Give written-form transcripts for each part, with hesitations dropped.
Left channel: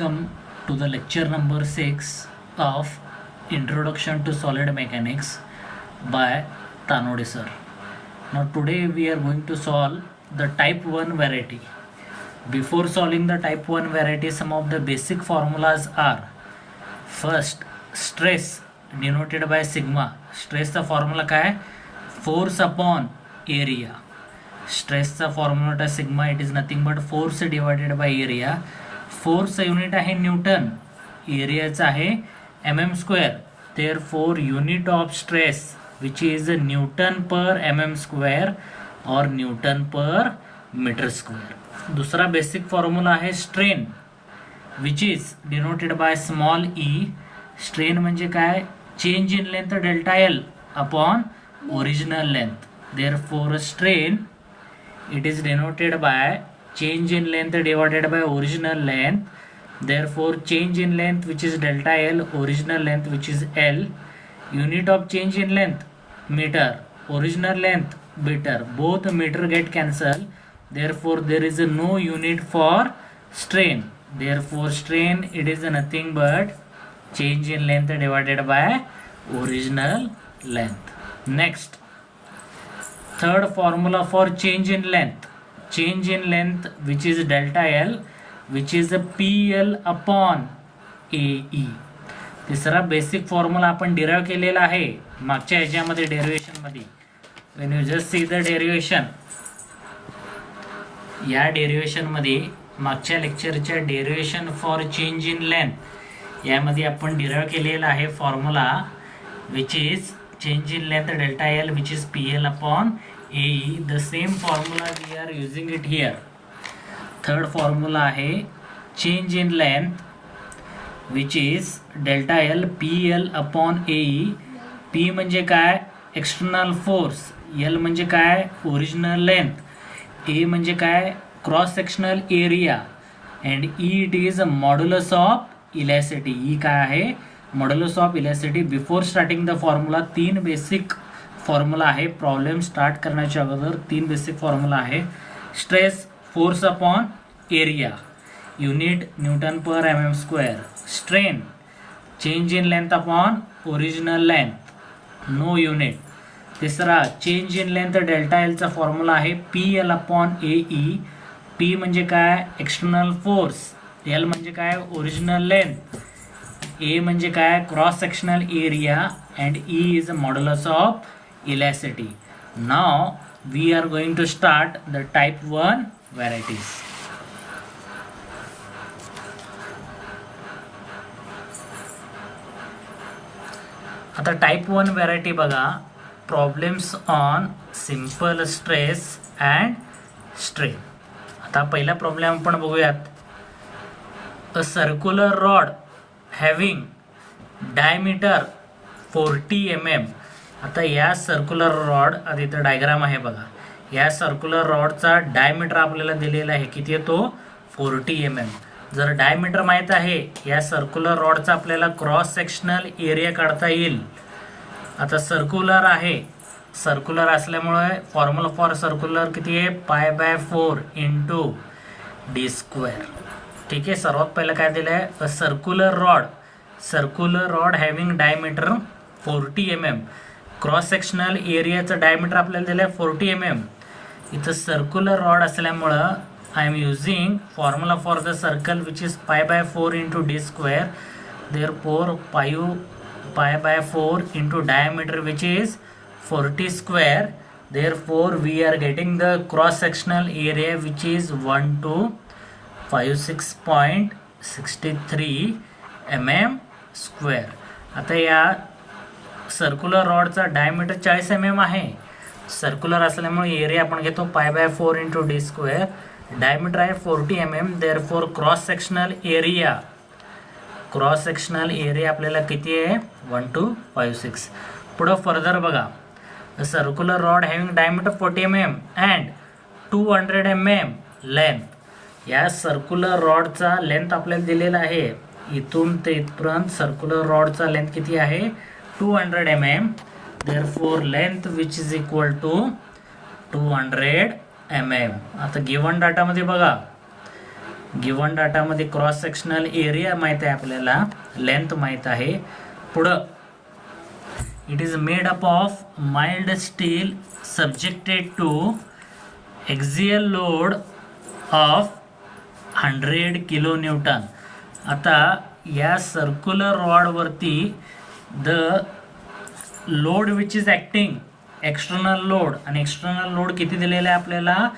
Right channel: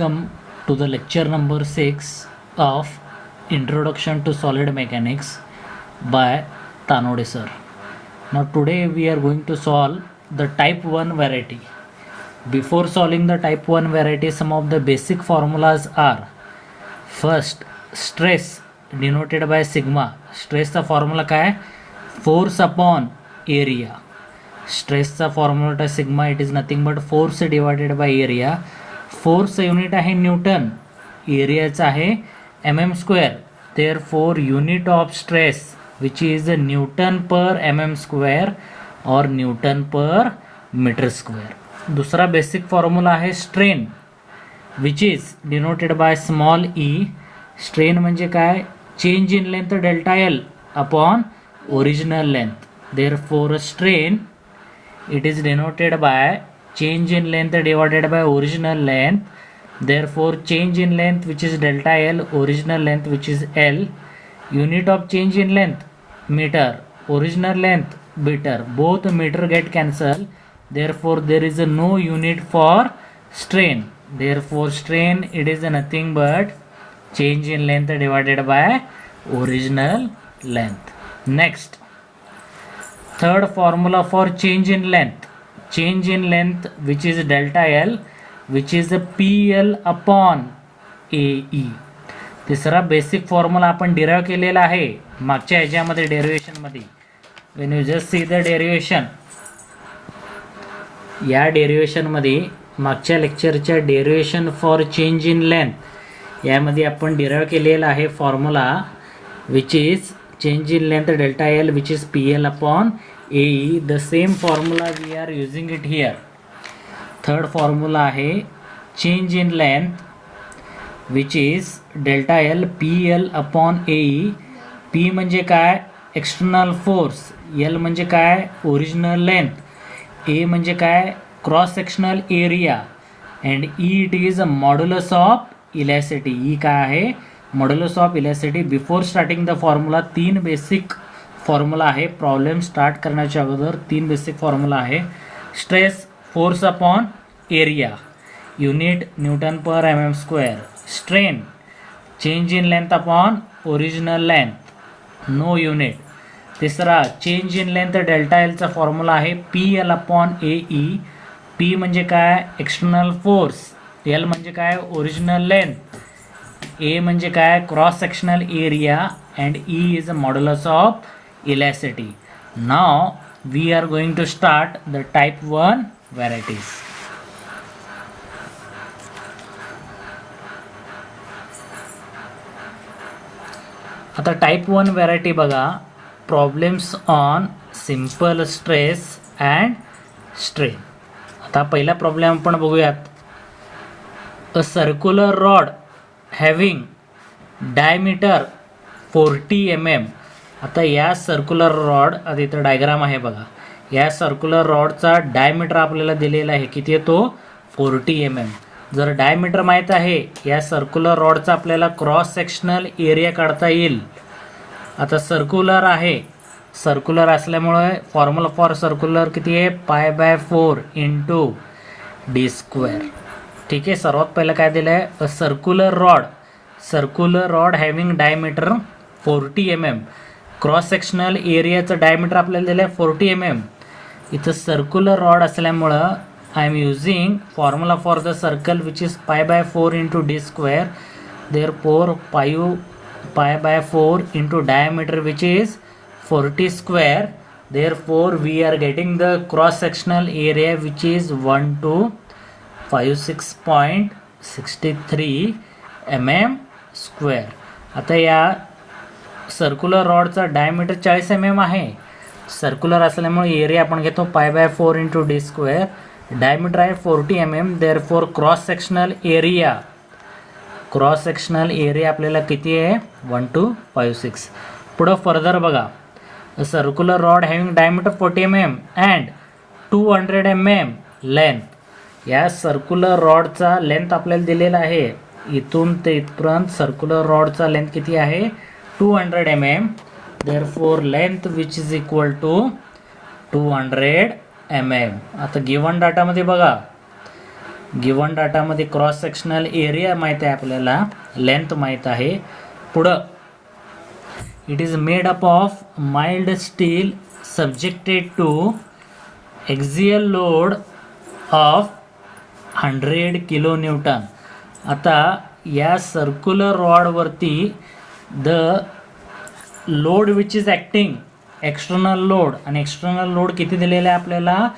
Welcome to the lecture number 6 of Introduction to Solid Mechanics by Tanode sir. Now today we are going to solve the type 1 variety. Before solving the type 1 variety, some of the basic formulas are: first, stress denoted by sigma. Stress चा formula काय? Force upon area. स्ट्रेसचा formula होता sigma. It is nothing but force divided by area. फोर्सचं unit आहे newton, एरियाचं आहे mm square. Therefore unit of stress which is newton per mm square और newton per metre square. दुसरा basic formula आहे strain which is denoted by small E. Strain म्हणजे काय? Change in length delta L upon original length. Therefore strain it is denoted by change in length divided by original length. Therefore change in length which is delta L, original length which is L. Unit of change in length meter, original length meter, both meter get cancelled. Therefore there is no unit for strain. Therefore strain it is nothing but change in length divided by original length. Next, third formula for change in length which is delta L which is PL upon AE. तिसरा basic formula आपण derive केलेला आहे मागच्या ह्याच्यामध्ये derivation मध्ये. When you just see the derivation, या derivation मध्ये मागच्या लेक्चरच्या derivation for change in length यामध्ये आपण डिराइव केलेला आहे formula which is change in length delta L which is PL upon AE. The same formula we are using it here. Third formula आहे change in length which is delta L PL upon AE. P म्हणजे काय? External force. L म्हणजे काय? Original length. A म्हणजे काय? Cross sectional area. And E it is modulus of elasticity. E काय आहे? Modulus of elasticity. Before starting the formula तीन basic formula आहे. प्रॉब्लेम स्टार्ट करण्याच्या अगोदर तीन बेसिक फॉर्म्युला आहे. Stress force upon area, unit newton per mm square. Strain change in length upon original length, no unit. तिसरा change in length delta L चा formula आहे PL upon AE. P म्हणजे काय? External force. L म्हणजे काय? Original length. A म्हणजे काय? Cross sectional area. And E is a modulus of elasticity. Now we are going to start the type 1 varieties. आता type 1 variety बघा. Problems on simple stress and strain. आता पहिला problem आपण बघूयात. A circular rod having diameter 40 mm. आता या circular rod, आता इथं डायग्राम आहे बघा. या सर्क्युलर रॉडचा डायमीटर आपल्याला दिलेला आहे. किती आहे तो? 40 mm. जर डायमीटर माहीत आहे या सर्क्युलर रॉडचा आपल्याला क्रॉस सेक्शनल एरिया काढता येईल. आता सर्क्युलर आहे, सर्क्युलर असल्यामुळे फॉर्म्युला फॉर सर्क्युलर किती आहे? π/4 इंटू डी स्क्वेअर. ठीक आहे. सर्वात पहिलं काय दिलं आहे? A circular rod having diameter 40 mm. Cross sectional एरियाचं डायमीटर आपल्याला दिलं आहे 40 mm. इथं सर्क्युलर रॉड असल्यामुळं I am using formula for the circle which is π/4 into D square. Therefore π/4 into diameter which is 40 square. Therefore we are getting the cross sectional area which is 1256.63 mm square. आता या circular रॉडचा diameter 40 mm आहे. Circular असल्यामुळे area आपण घेतो π/4 into D square. Diameter आहे 40 mm. Therefore cross sectional area आपल्याला किती आहे? 1256. पुढं फर्दर बघा. Circular rod having diameter 40 mm and 200 mm length. या सर्क्युलर रॉडचा लेंथ आपल्याला दिलेला आहे. इथून ते इथपर्यंत सर्क्युलर रॉडचा लेंथ किती आहे? 200 mm. Therefore length which is equal to 200 mm. आता गिवन डाटामध्ये बघा गिवन डाटामध्ये क्रॉस सेक्शनल एरिया माहीत आहे आपल्याला, लेंथ माहीत आहे. पुढं it is made up of mild steel subjected to axial load of 100 kilo newton. आता या सर्क्युलर रॉडवरती the load which is acting external load, आणि एक्सटर्नल लोड किती दिलेला आहे आपल्याला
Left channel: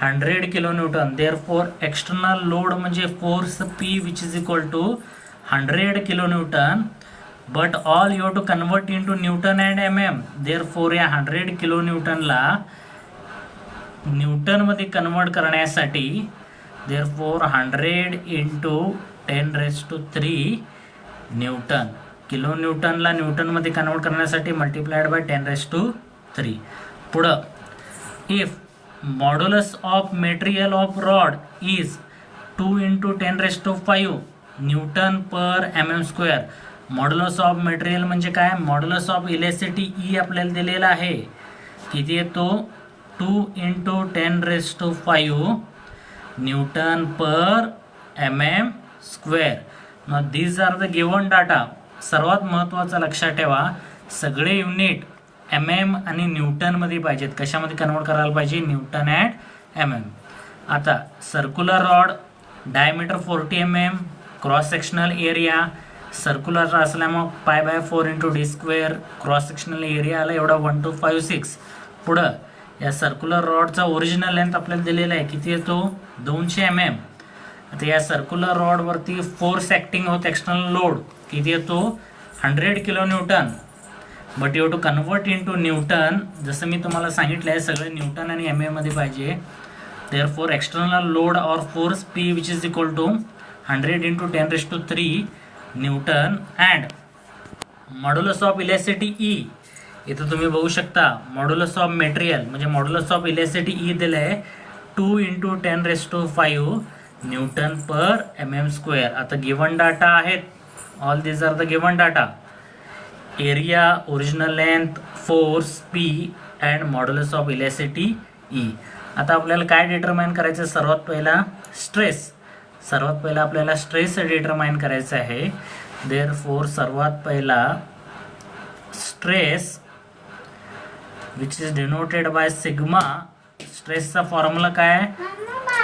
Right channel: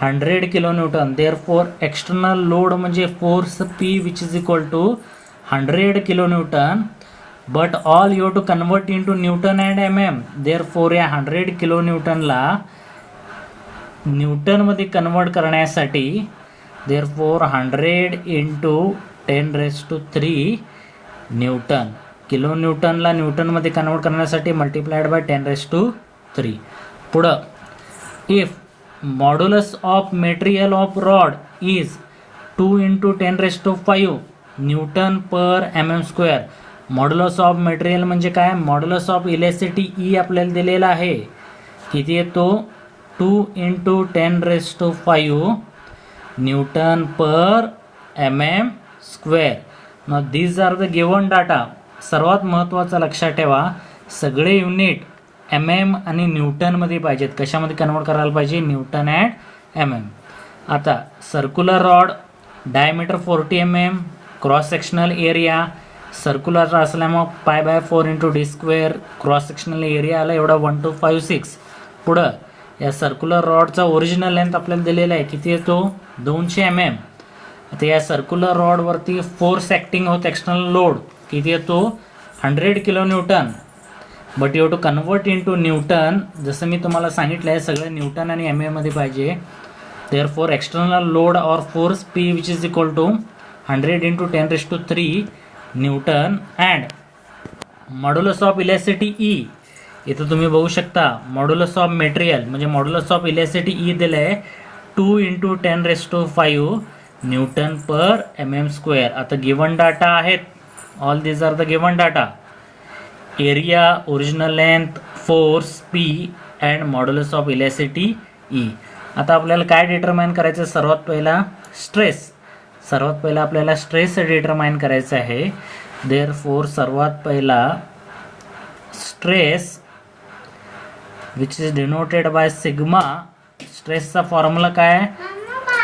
100 kilo newton. Therefore external load म्हणजे force P which is equal to 100 kilo newton. But all you have to convert into newton and MM. Therefore या 100 kilo न्यूटनला न्यूटनमध्ये convert करण्यासाठी देअरफॉर 100 इंटू 10⁻³ न्यूटन. किलो न्यूटनला न्यूटनमध्ये convert करण्यासाठी multiplied by 10⁻³ पुढं if modulus of material of rod is 2 into 10⁻⁵ newton per mm². Modulus of material म्हणजे काय, मॉड्युलस ऑफ इलेस्टिसिटी E आपल्याला दिलेला आहे. किती येतो 2 इंटू 10⁻⁵ न्यूटन पर mm². मग these are the given data. सर्वात महत्त्वाचं लक्षात ठेवा, सगळे युनिट MM आणि न्यूटनमध्ये पाहिजेत. कशामध्ये कन्वर्ट करायला पाहिजे, न्यूटन अँड MM. आता circular rod diameter 40 mm, cross sectional area circular असल्यामुळे π/4 into d², cross sectional area आला एवढा 1256. पुढं या सर्क्युलर रॉडचा ओरिजिनल लेंथ आपल्याला दिलेला आहे, किती येतो 200 mm. आता या सर्क्युलर रॉडवरती फोर्स ॲक्टिंग होत एक्सटर्नल लोड किती येतो 100 kilo newton. But you to convert into newton. जसं मी तुम्हाला सांगितलं आहे सगळे न्यूटन आणि MM मध्ये पाहिजे. देअरफॉर एक्सटर्नल लोड और force P which is equal to 100 into 10⁻³ newton and modulus of elasticity E. इथं तुम्ही बघू शकता मॉड्युलस ऑफ मेटेरियल म्हणजे मॉड्युलस ऑफ इलेस्टिसिटी E दिलं आहे 2 इंटू 10⁻⁵ न्यूटन पर mm². आता गिवन डाटा आहेत, all this are the given data. Area, original length, force P and modulus of elasticity E. आता आपल्याला काय डिटरमाइन करायचं, सर्वात पहिला स्ट्रेस. सर्वात पहिला आपल्याला स्ट्रेस डिटरमाइन करायचं आहे. देअरफॉर सर्वात पहिला stress which is denoted by sigma. स्ट्रेसचा फॉर्म्युला काय,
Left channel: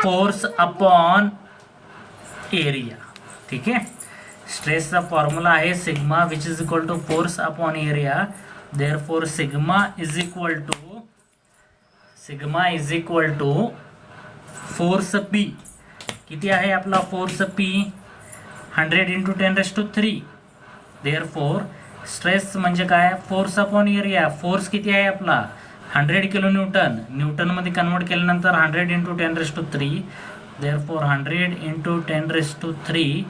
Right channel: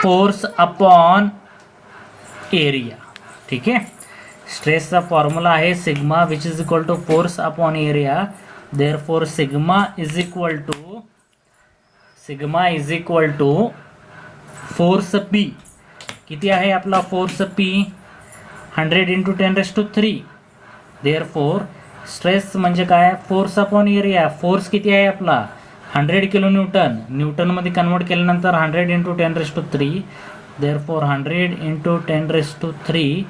फोर्स अपॉन एरिया. ठीक आहे, स्ट्रेसचा फॉर्म्युला आहे sigma which is equal to force upon area. Therefore sigma is equal to force P. किती आहे आपला force P 100 into 10⁻⁵. Therefore stress म्हणजे काय, फोर्स अपॉन एरिया. फोर्स किती आहे आपला 100 किलो न्यूटन. न्यूटनमध्ये कन्वर्ट केल्यानंतर 100 into 10⁻⁵. Therefore 100 into 10⁻³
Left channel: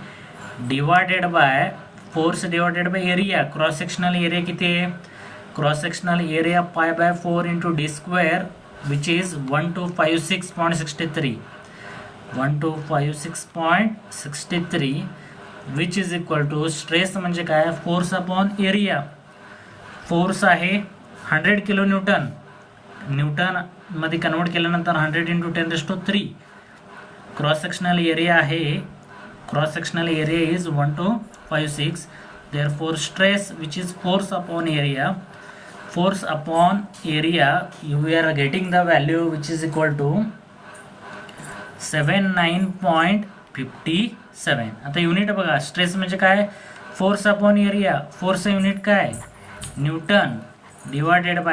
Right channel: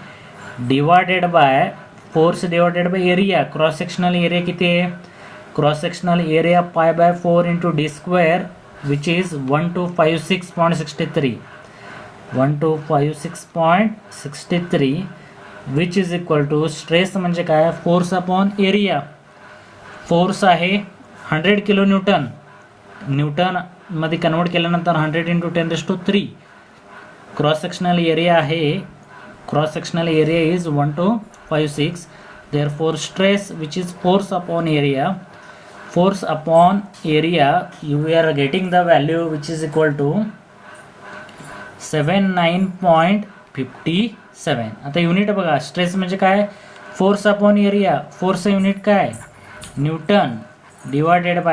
divided by force divided by area. Cross sectional area किती आहे, cross sectional area π/4 into d² which is 1256.63. 1256.63 which is equal to stress म्हणजे काय, force upon area. Force आहे 100 kilo newton. Newton मध्ये convert केल्यानंतर 100 into 10⁻⁵. Cross sectional area आहे, cross sectional area is 1256. Therefore stress which is force upon area. Force upon area you are getting the value which is equal to 79.57. आता unit बघा, stress म्हणजे काय, force upon area. Force unit काय, newton divided bye